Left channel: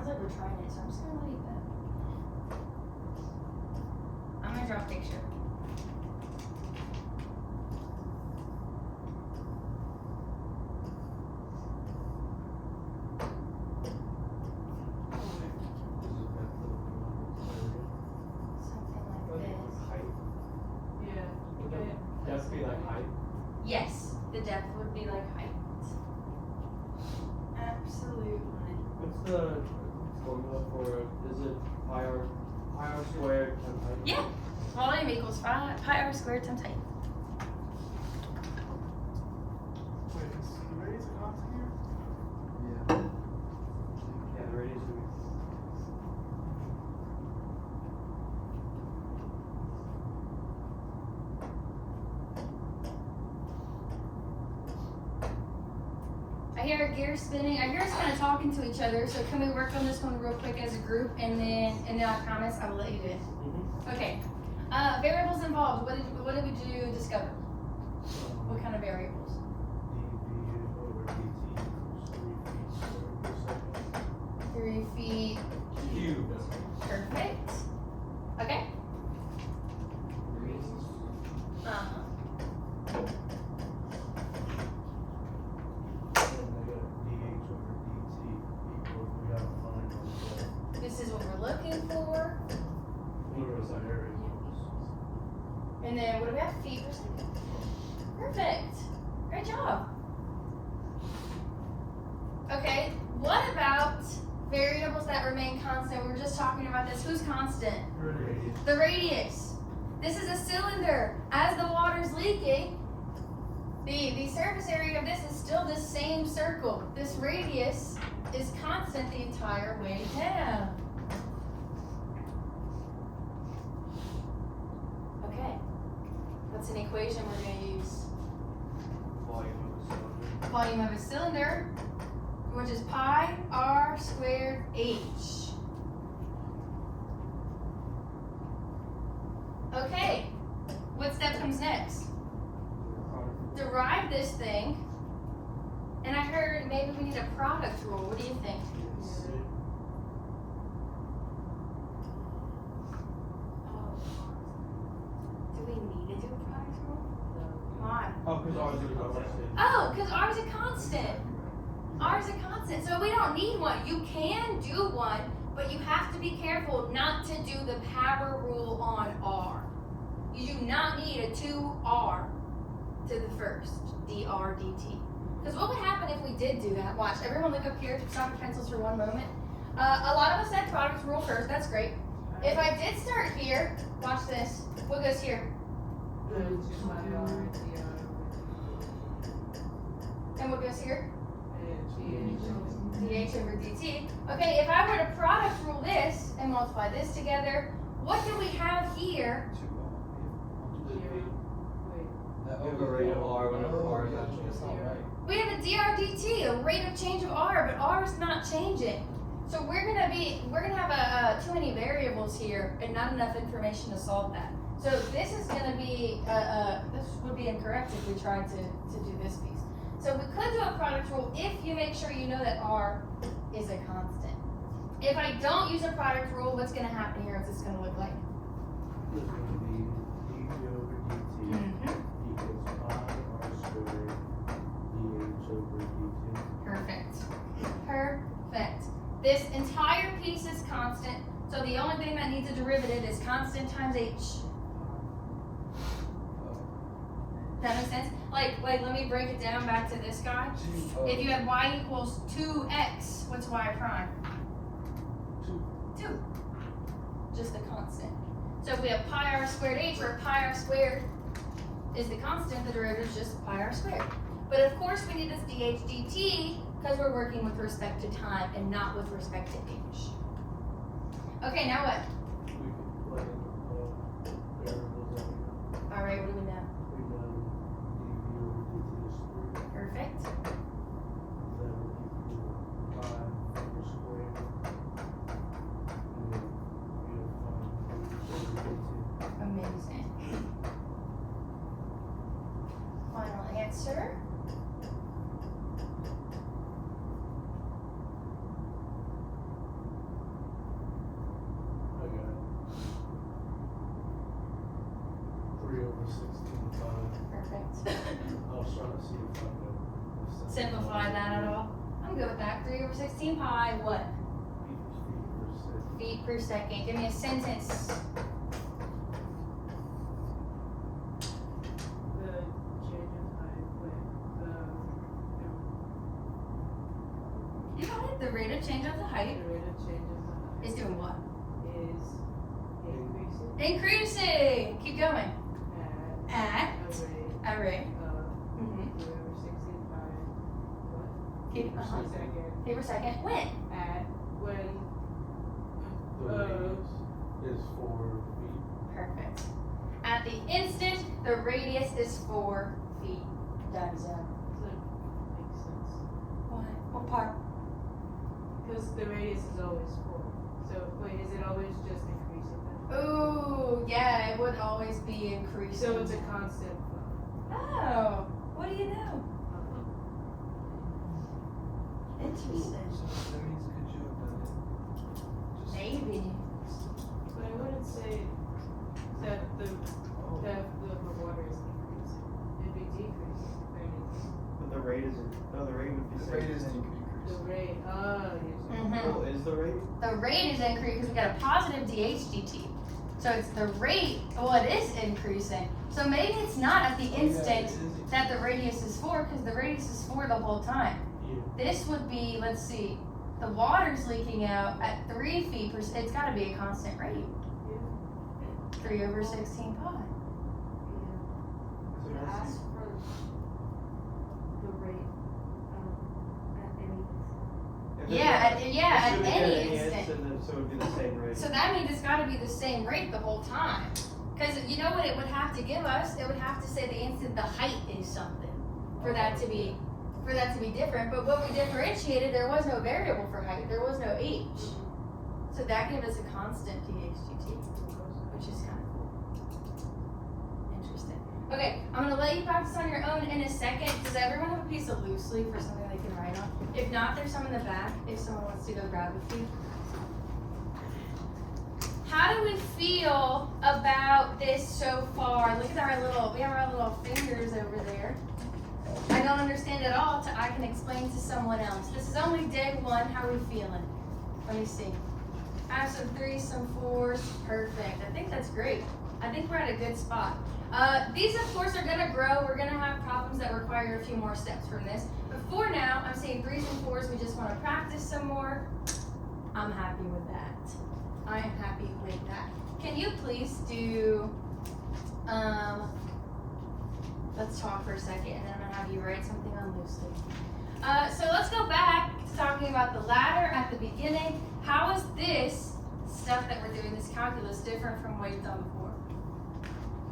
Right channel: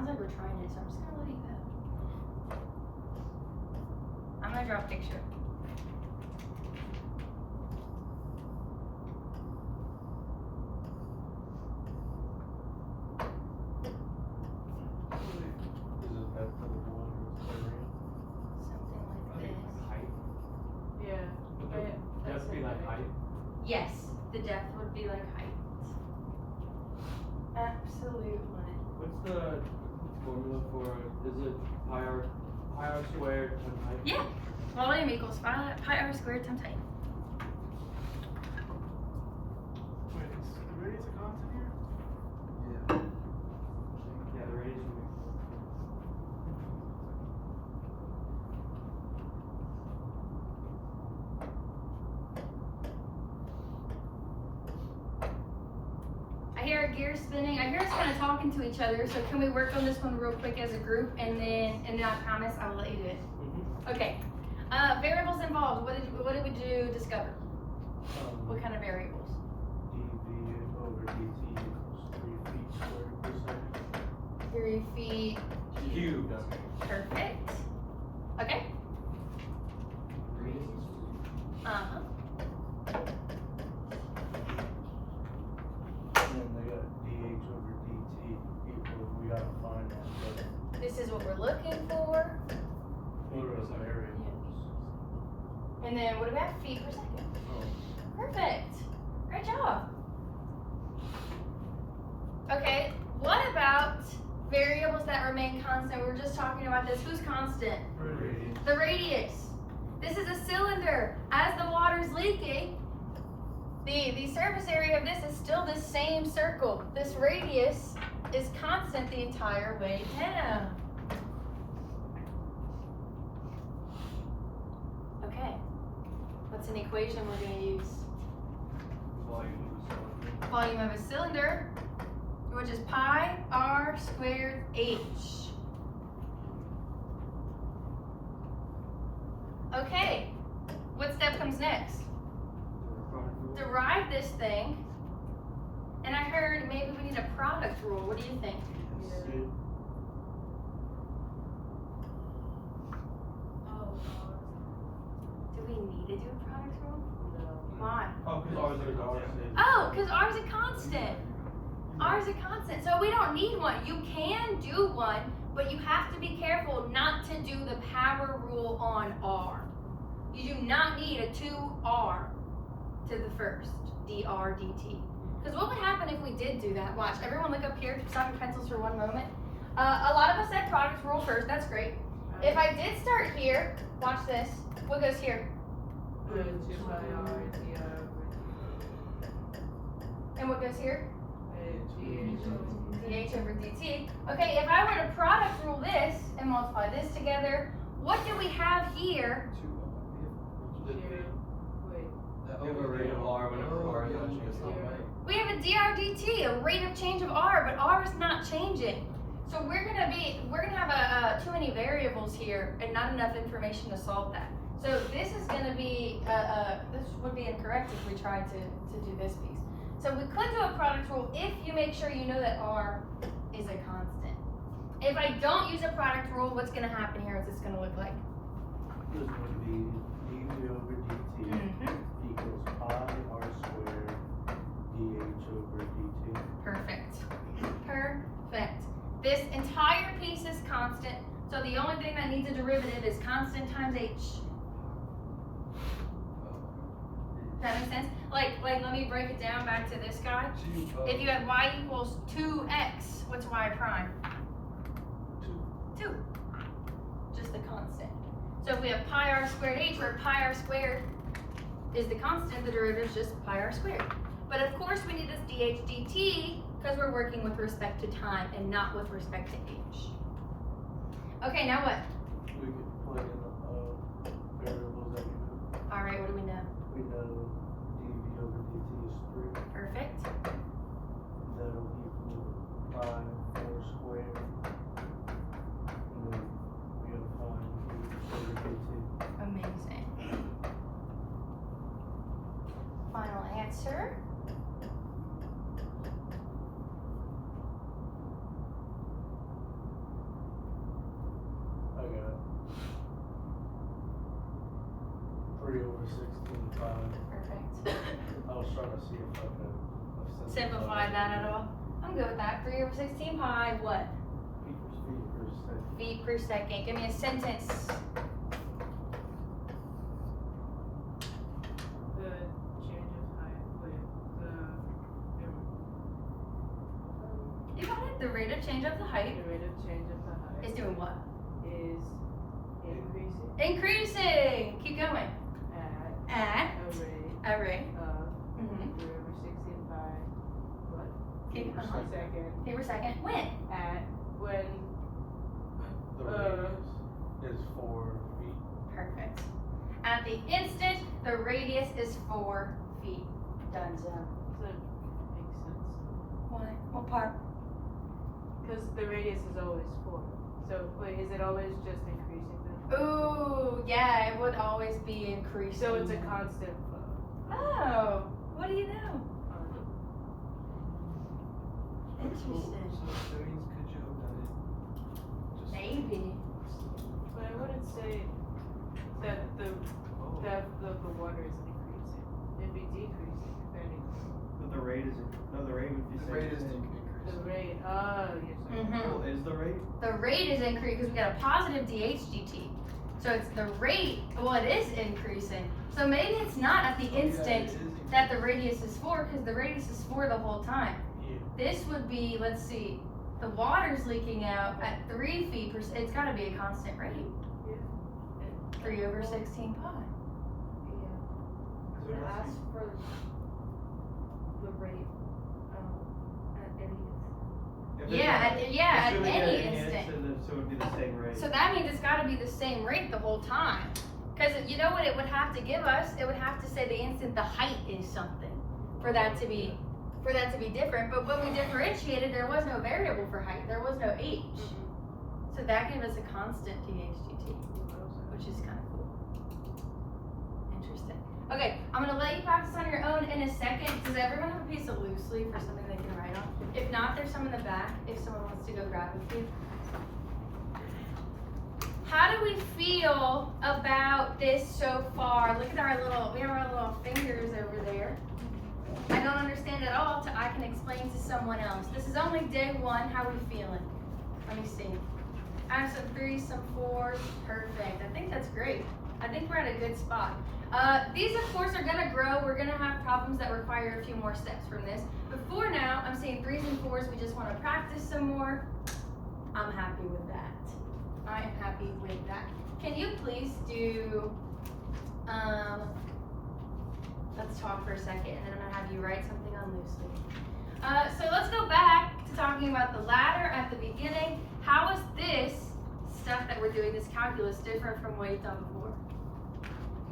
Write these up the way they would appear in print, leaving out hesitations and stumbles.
sounds like we're trying it, so I'm just gonna let it go. I'm gonna draw a picture. Yes, the depth would be like height. Absolutely. What's the formula for it? Is it pi r squared times height? Yeah. Volume equals pi r squared times height. Wait, is the radius a constant here? Yeah. Yeah, the radius would be. I hear a gear spinning. I hear us kind of talking to each other. So can we work on this one real quick as a group, and then I promise I will let you do it. Mm-hmm. Okay. Variables involved. What did we do? Discover. What kind of variables? dv over dt equals 3 feet squared per second. 3 feet Cubed. Perfect. Okay. Uh-huh. And then we got dh over dt equals, we gotta find out This is what we're looking for. what is our variables. And then what do we have? Feet per second. Perfect. Great job. Okay, what about variables that remain constant? We were just talking about this. Who's constant? Radius. The radius. This is a cylinder. As the water's leaking, the surface area of this is still the same circle. This radius is constant the entire way down. Okay. What's an equation we're going to use? Volume of a cylinder, which is pi r squared h. Okay, what step comes next? Derive this thing. And I heard maybe we need a product rule. What do you think? Do we need to do a product rule? Why? Oh, because ours is ours. Oh, because R is a constant. R is a constant, so we don't need one. You can do one, but you have to be careful not to do the power rule on R. You do not need a 2R to the first, dr dt. Because what would happen if we did do that? Watch, everyone look up here, stop your pencils for one moment. A lot of us said product rule first, that's great. If I did start here, watch this, what goes here? And what goes here? dh over dt. Okay, if I were to product rule this and multiply this together, what do we have here? We have a rate of r whenever r is not changing. We have a dr dt, a rate of change of r, but r is not changing. So we're gonna have too many variables here and not enough information to solve that. So this is gonna be this would be incorrect if we tried to do this piece. So we could do a product rule if you make sure you know that r is a constant. If I don't use a product rule, what's gonna happen here is it's gonna look like This is going to be dv over dt equals pi r squared dh over dt. perfect. Perfect. This entire piece is constant, so the only thing that needs a derivative is constant times h. That makes sense? Like let me break it down back to this guy. If you have y equals 2x, what's y prime? 2. Just a constant. So if we have pi r squared h, where pi r squared is the constant, the derivative is just pi r squared. But of course we need this dh dt because we're working with respect to time and not with respect to h. Okay, now what? We can plug in variables that we know. All right, what do we know? We know dv over dt is 3. Perfect. That will equal pi r squared. And then we have pi over dt. Amazing. Final answer. Perfect. I was trying to see if I could Simplify that at all? I'm good with that. 3 over 16 pi, what? feet per second. Feet per second. Give me a sentence. The change of height with You got it. The rate of change of the height the rate of change of the height is doing what? is increasing Increasing. Keep going. at A rate. a rate of Mm-hmm. 3 over 16 pi what? Keep Per Per second. second Feet per second. When? at when The radius is 4 feet. Perfect. At the instant, the radius is 4 feet. Done, zone. that makes sense. What part? Because the radius is always 4. So wait, is it always just increasing then? Ooh, yeah, it would always be increasing. So it's a constant flow. Oh, what do you know? Interesting. So that means could you have done it just Maybe. But I wouldn't say that the water is increasing. It'd be decreasing if anything. But the rate isn't. No, the rate would be the rate saying. is The increasing. rate, yes. Mhm. Well, is the rate? The rate is increasing because we got a positive dHdt. So it's the rate, well, it is increasing. So maybe it's not at the Oh, yeah, it instant is increasing. that the radius is 4 because the radius is 4 the whole time. Yeah. This would be, let's see, the water's leaking out at 3 feet per, it's gotta be a constant rate. Yeah. 3 over 16 pi. So To what's ask for the rate, at any If Yeah, at assuming any at instant. then so it would be the same rate. So that means it's gotta be the same rate the whole time. Cause you know what it would have to give us? It would have to say the instant the height is something for that to be different. But when we differentiated, there was no variable for height. There was no h. So that gave us a constant dHdt, which is kind of cool. Interesting. Okay, I'm gonna let you practice on your own in a second. Does everyone have a piece of loose leaf or something they can write on? If not, there's some in the back if someone wants to go grab a few. How do we feel about this so far? Look at we have our little fingers over there. I don't understand at all till I can explain to someone else. This is only day 1. How are we feeling? Let me see. I have some 3s, some 4s. Perfect. I think that's great. I think we're at a good spot. These, of course, are gonna grow. We're gonna have problems that require a few more steps from this. But for now, I'm saying 3s and 4s. We just want to practice some more. I'm happy with that. I am happy with that. Can you please do, let's talk for a second, and then I'm gonna have you write something on loose leaf. So let's go back to talking about the ladder at the beginning. How is this stuff that we're doing, this calculus, different from what you've done before?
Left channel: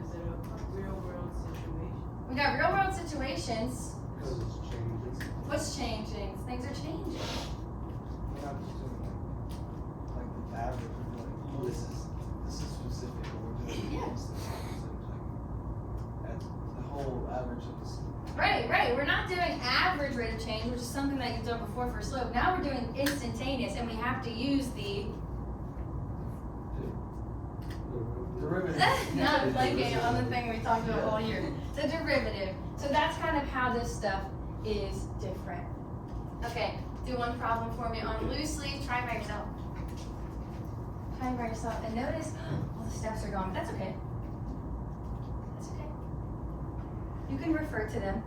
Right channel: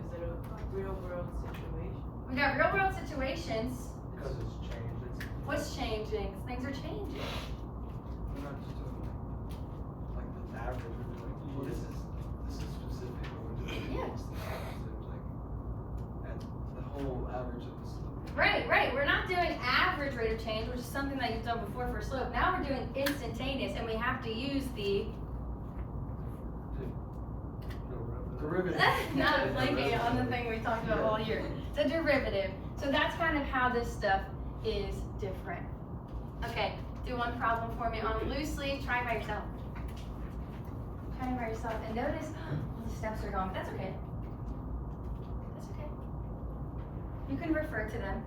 Is it a real world situation? We got real world situations. Because it's changed. What's changing? Things are changing. We're not just doing like the average, we're doing, well, this is specific, but we're doing Yeah. this at the whole average of the slope. Right. We're not doing average rate of change, which is something that you've done before for slope. Now we're doing instantaneous, and we have to use the Derivative. not blanking on the thing we talked about all year. The derivative. So that's kind of how this stuff is different. Okay, do one problem for me on loose leaf. Try it by yourself. Try it by yourself, and notice all the steps are gone. But that's okay. That's okay. You can refer to them.